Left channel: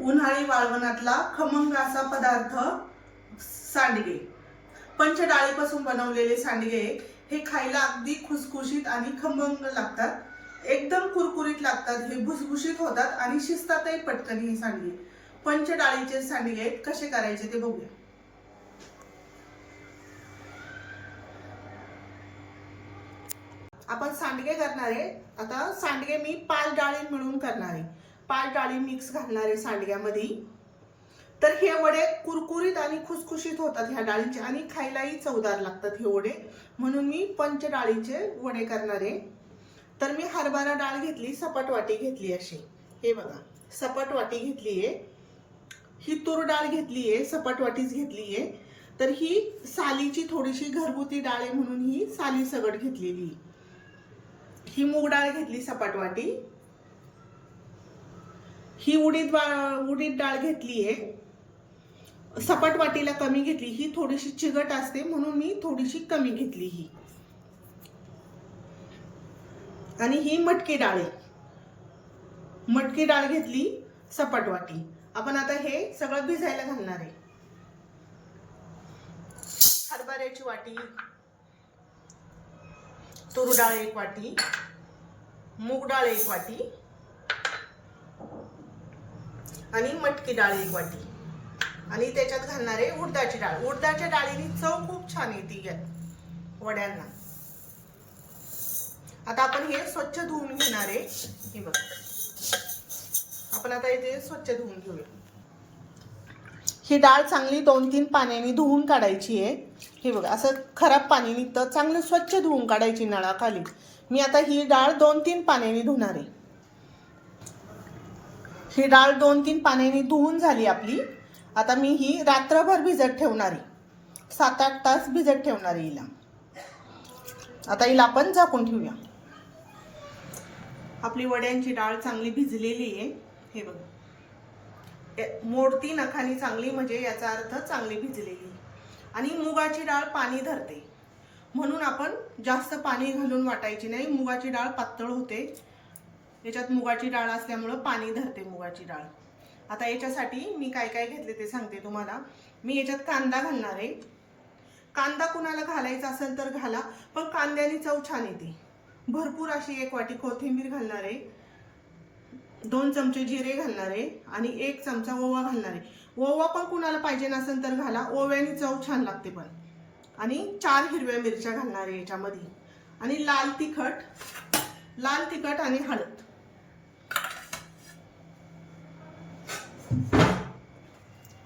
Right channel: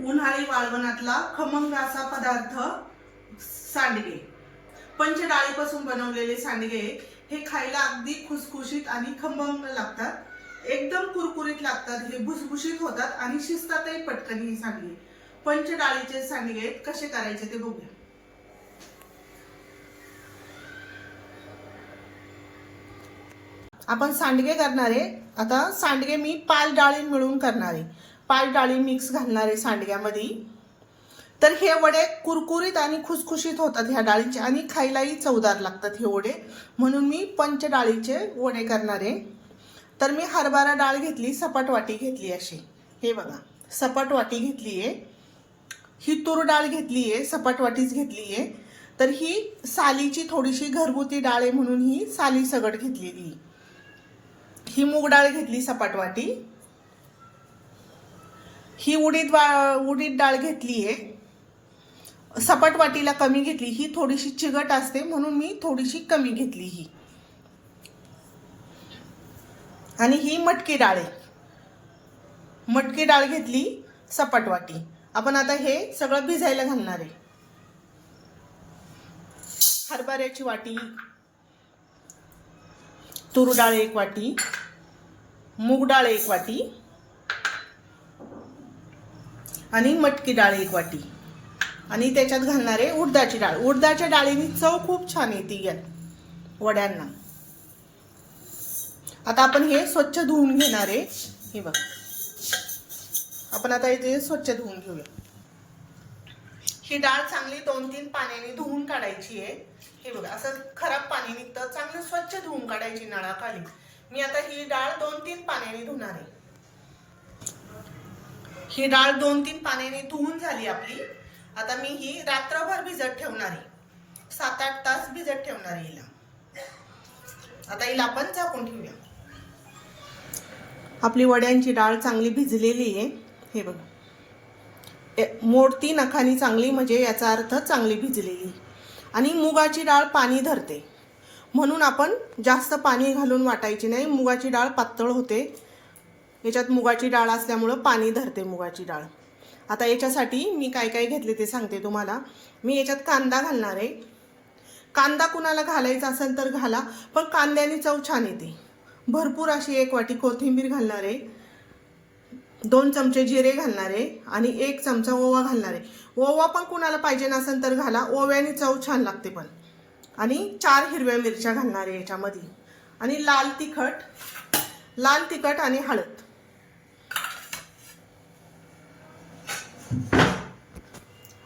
उन्हाळी वाळवणातला खमंग असा पदार्थ सांडगे। पंचडाळीपासून बनवलेले सांडगे हे खायला अगदी खुसखुशीत आणि खमंग लागतात। एकदम कुरकुरीत लागतात, हे भुसभुशीत होतात आणि शिजतातही पटकन हे सांडगे। पंचडाळीचे सांडगे कसे करायचे ते बघूया। आपण सांडगे करणार आहे। आता सांडगे मी 5 डाळी मिळून करणार आहे, 5 डाळी मिक्स घालणार आहे सांडग्यामध्ये। तर हे वडे कुरकुरीत आणि खुसखुशीत होतात ह्या डाळींचे आणि खायलाही चवदार लागतात हे वडे, म्हणून मी पंचडाळीचे वडे करणार आहे। तर मी हरभरा डाळ घेतली, सपाट वाटी घेतली अशी, हे बघा सपाट वाटी घेतली आहे। ही तूर डाळ घेतली आहे, सपाट वाटीच घेतली आहे। तर ही सालीची थोडीशी घरगुती डाळ आहे म्हणून ही साली सगट घेतलेली। ही मूग डाळ घेतली सपाट वाटी। ही उडीद डाळ घेतली आहे, सपाट वाटीला कमी घेतली। ही थोडीशी चिकट असते म्हणून मी थोडीशी कमी घेतली ही। आणि ही मटकी डाळ आहे, मटकी डाळ घेतली सपाट वाटी। आपण आता हे सगळं भिजायला घालणार आहे। हरभऱ्याची वाटी, तूर डाळ 1 वाटी, मूग डाळ 1 वाटी आणि मटकी डाळ 1 वाटी आणि त्याच्यात घालणार आहे उडदाची डाळ। उडदाच्या डाळीने चव खूप छान येते या वड्यांना। आता आपण हे स्वच्छ धुवून घेणार आहे, हे बघा आपण आता इथे स्वच्छ धुवून घेऊया। ही डाळ चांगली 2-3 पाण्याने धुवून काढायची आहे। हे बघा असं खराब पाणी निघतं, चांगलं स्वच्छ धुवून काढायची नळाखाली। मी आता ही डाळ 2-3 पाण्याने धुणार आहे। ही डाळ 2-3 पाण्याने धुवून झाली आपली। आता मी ही रात्रभर भिजत ठेवणार आहे, 7-8 तास भिजत ठेवणार आहे हिला। आता हिला आपण झाकून ठेवूया। आपली वड्यांची डाळ चांगली भिजलेली आहे, हे बघा मोडती नखानी चांगली, म्हणजे याचा अर्थ चांगली भिजलेली। आणि मुगाची डाळ पाणी धरते म्हणून आपण जास्त पाणी घालून वाटायची नाही, मुगाची डाळ पातळ होते। याच्यात मुगाची डाळ असल्यामुळे पाणी धरते मुगाची डाळ। आता याच्यासाठी मी काय काय घेतले ते सांगते तुम्हाला। मी याच्यात कांदा घालणार आहे। कांदा कुणाला घालायचा असेल तर घाला, पण कांद्याने चव छान येते। भरपूर अशी 1 वाटी कोथिंबीर घालणार आहे, 2 चमचे जिरे घालणार आहे आणि 1 चमचा ओवा घालणार आहे। ओवा पण कुणाला पाहिजे नसेल तर घाला, ओव्याने चव छान लागते पण। आणि 4 हिरव्या मिरच्या घालणार आहे याच्यामध्ये आणि लाल तिखट आणि हळद।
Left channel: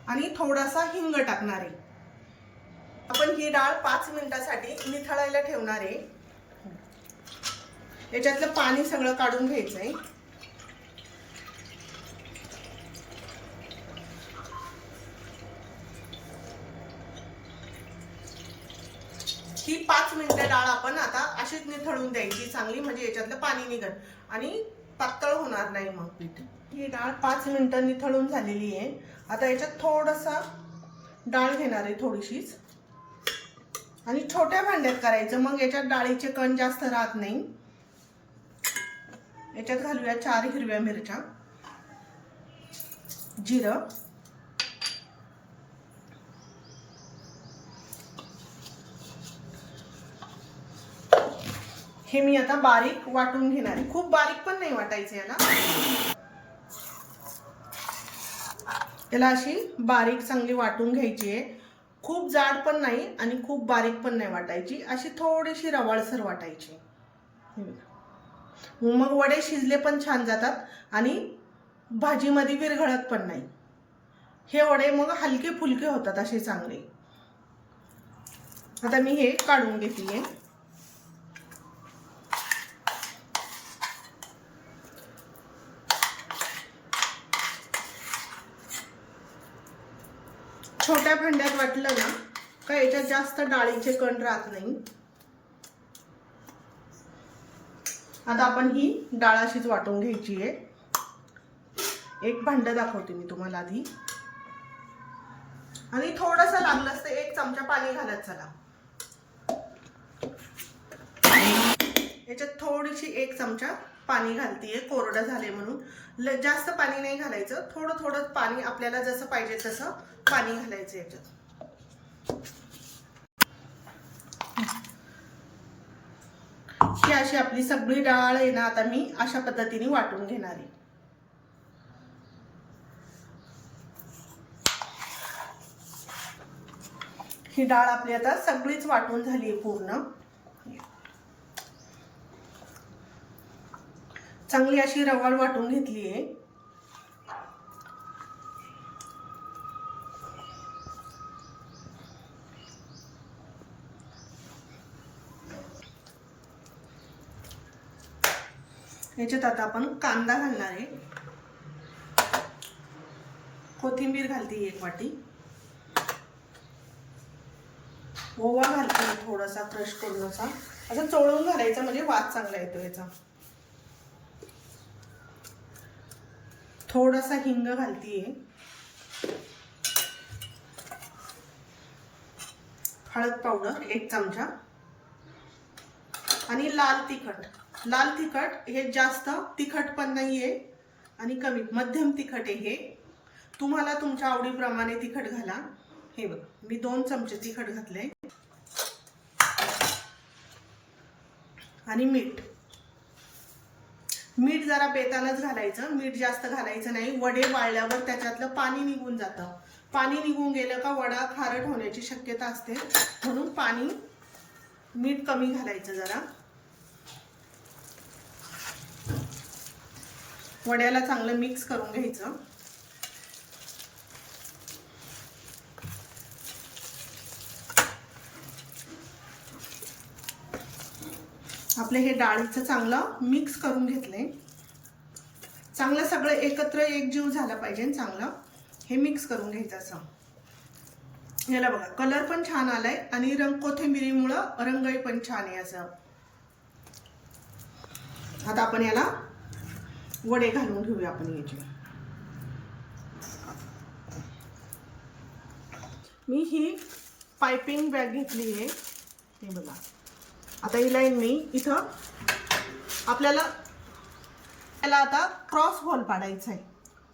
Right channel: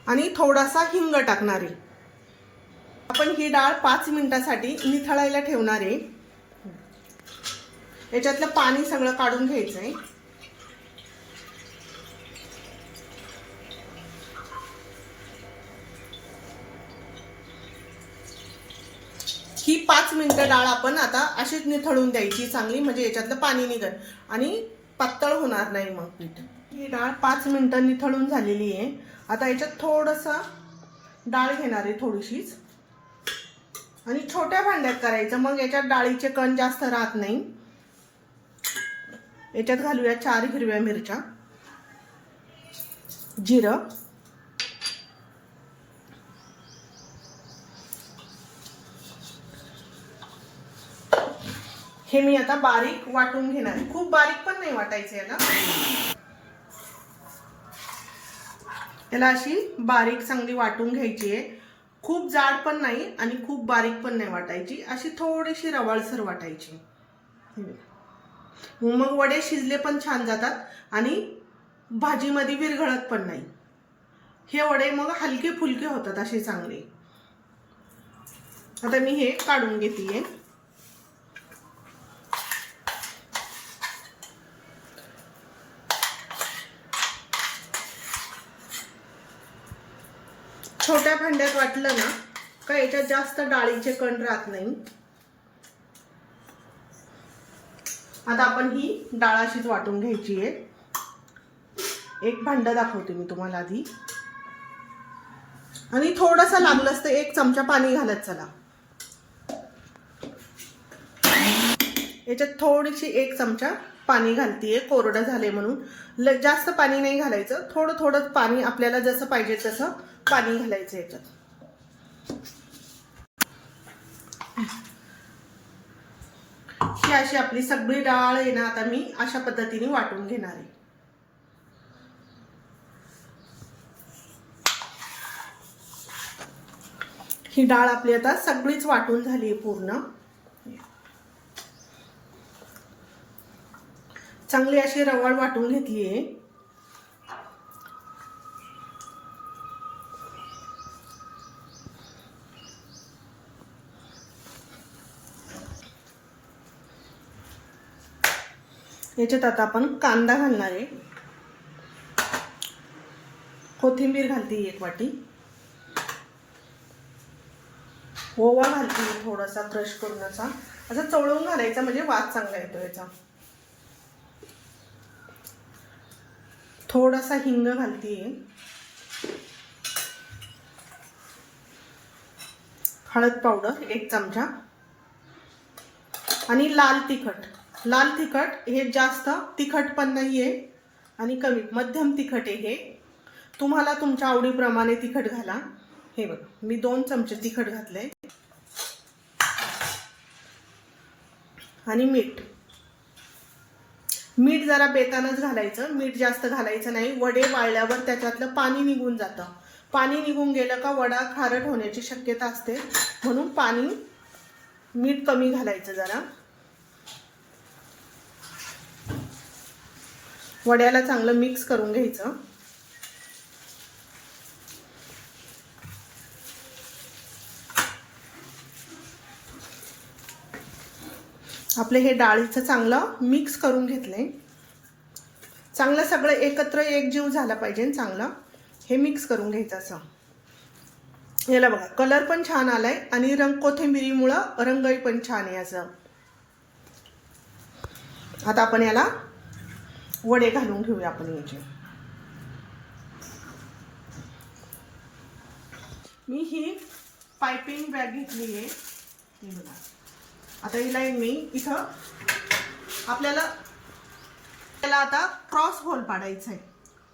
आणि थोडासा हिंग टाकणार आहे। आपण ही डाळ 5 मिनिटांसाठी निथळायला ठेवणार आहे। याच्यातलं पाणी सगळं काढून घ्यायचं आहे। ही 5 मिनिटं डाळ आपण आता अशीच निथळून द्यायची चांगली, म्हणजे याच्यातलं पाणी निघेल आणि पातळ होणार नाही मग पीठ। ही डाळ 5 मिनिटं निथळून झालेली आहे। आता याच्यात थोडासा डाळ घेणार आहे, थोडीशीच, आणि छोट्या भांड्यात करायचं, मग याच्यात डाळीचे कण जास्त राहत नाही। याच्यात घालूया 4 हिरव्या मिरच्या, जिरं, हे मी आता बारीक वाटून घेणार आहे। खूप बारीक पण नाही वाटायचं याला, याला अशी बारीक चांगली वाटून घ्यायची आहे। खूप जाड पण नाही आणि खूप बारीक पण नाही वाटायची, अशी थोडीशी रवाळसर वाटायची। मग वडे शिजले पण छान जातात आणि भाजीमध्ये विरघळत पण नाही। हे वडे मग हलके फुलके होतात असे चांगले। आता मी हे काढून घेते। छोट्या भांड्यात वाटलं ना का याच्यात जास्त डाळीचे कण राहत नाही। आता आपण ही डाळ अशीच वाटून घ्यायची आहे। एक भांडं दाखवते मी तुम्हाला आधी, आणि थोडंसं लागलं असतं 1 चमचा पाणी घालत चला। याच्यात थोडीशी 1 चमचा पाणी घालतीये कोरडं झाले म्हणून. जास्त पाणी नाही घालायचं, थोडं थोडं पाणी आपल्याला जसं पाहिजे तसं पाणी घालायचं याच्यात. ही अशी आपली सगळी डाळ आहे ना, आता मी अशा पद्धतीने वाटून घेणार आहे. ही डाळ आपली आता सगळीच वाटून झाली आहे पूर्ण. चांगली अशी रवाळ वाटून घेतली आहे. याच्यात आता आपण कांदा घालणार आहे, कोथिंबीर घालते 1 वाटी, ओवा घालते थोडासा क्रश करून असं चवळून घालायचा म्हणजे वास चांगला येतो याचा. थोडासा हिंग घालतीये, हळद पावडर 1 चमचा आणि लाल तिखट. लाल तिखट हे जास्त तिखट पण नाहीये आणि कमी मध्यम तिखट आहे हे. तुम्हाला तुमच्या आवडीप्रमाणे तिखट घाला. हे बघ मी 2 चमचे तिखट घातले आणि मीठ. मीठ जरा बेतानच घालायचं, मीठ जास्त घालायचं नाही. वडे वाळल्यावर त्याच्यातलं पाणी निघून जातं. पाणी निघून गेलं का वडा खारट होण्याची शक्यता असते, म्हणून मीठ कमी घालायचं जरा. वड्याला चांगलं मिक्स करून घ्यायचं. आपलं हे डाळीचं चांगलं मिक्स करून घेतलंय. चांगलं सगळं एकत्र एकजीव झालं पाहिजे. चांगलं हे मिक्स करून घ्यायचं असं. याला बघा कलर पण छान आलाय आणि कोथिंबिरीमुळं रंगही पण छान आहे असं. आता आपण याला वडे घालून घेऊया आपण याचे. मी ही पाइपिंग बॅग घेतली आहे, हे बघा. आता हिला मी इथं आपल्याला त्याला आता क्रॉस होल पाडायचा आहे,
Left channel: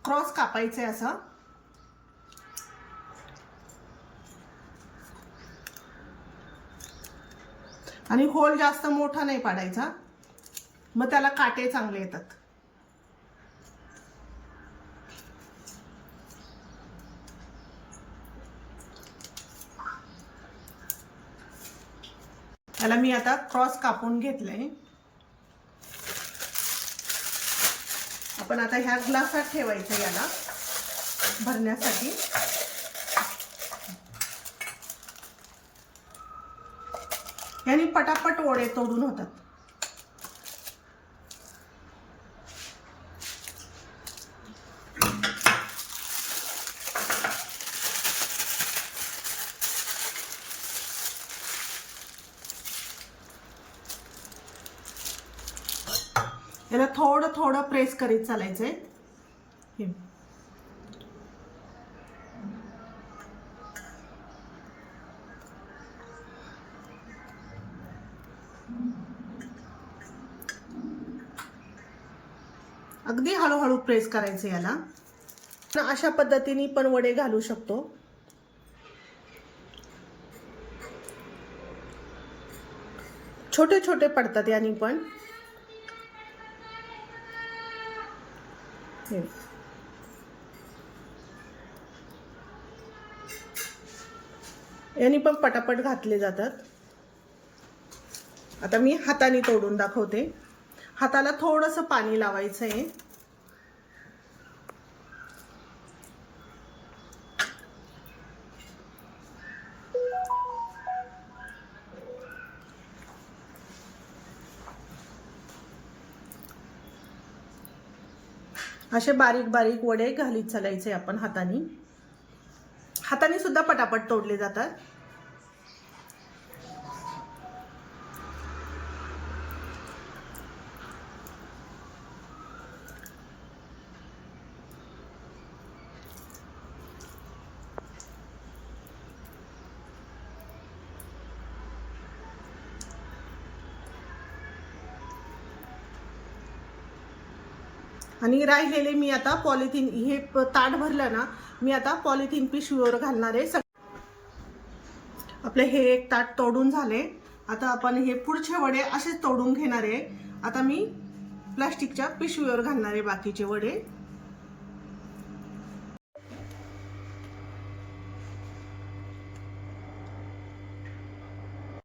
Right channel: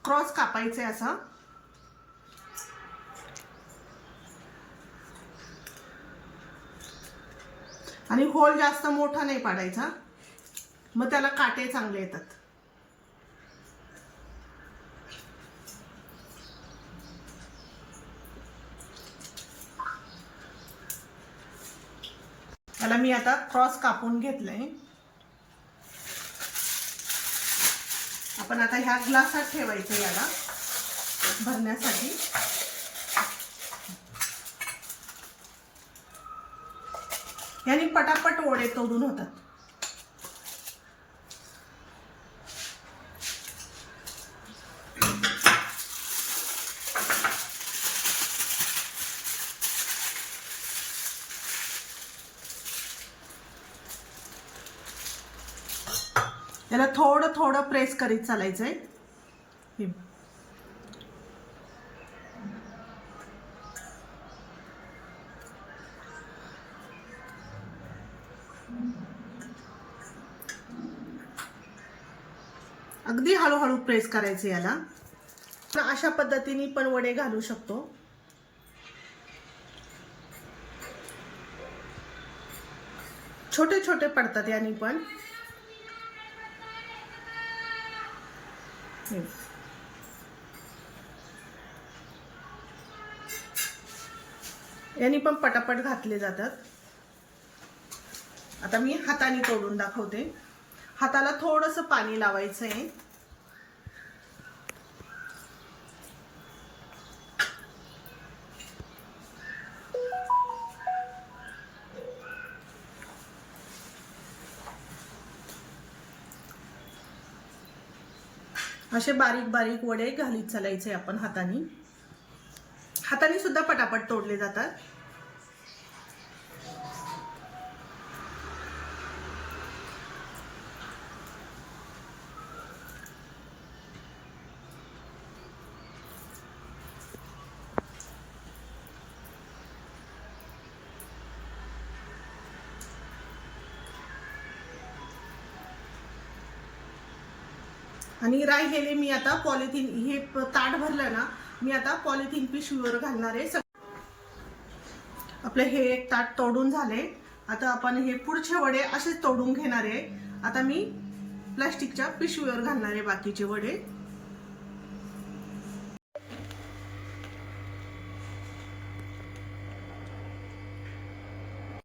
क्रॉस कापायचा आहे असा. आणि होल जास्त मोठा नाही पाडायचा, मग त्याला काटे चांगले येतात. याला मी आता क्रॉस कापून घेतलंय. आपण आता ह्या ग्लासात ठेवायचं याला भरण्यासाठी. याने पटापट वडे तोडून होतात. याला थोडं थोडं प्रेस करीत चालायचंय. अगदी हळूहळू प्रेस करायचं याला. अशा पद्धतीने पण वडे घालू शकतो. छोटे छोटे पडतात यानी पण. यानी पण पटापट घातले जातात. आता मी हाताने तोडून दाखवते. हाताला थोडंसं पाणी लावायचं आहे. असे बारीक बारीक वडे घालीत चालायचे आपण हाताने. हाताने सुद्धा पटापट तोडले जातात. आणि राहिलेले मी आता पॉलिथिन हे ताट भरलं ना, मी आता पॉलिथिन पिशवीवर घालणार आहे. आपले हे एक ताट तोडून झाले. आता आपण हे पुढचे वडे असेच तोडून घेणार आहे. आता मी प्लास्टिकच्या पिशवीवर घालणार आहे बाकीचे वडे.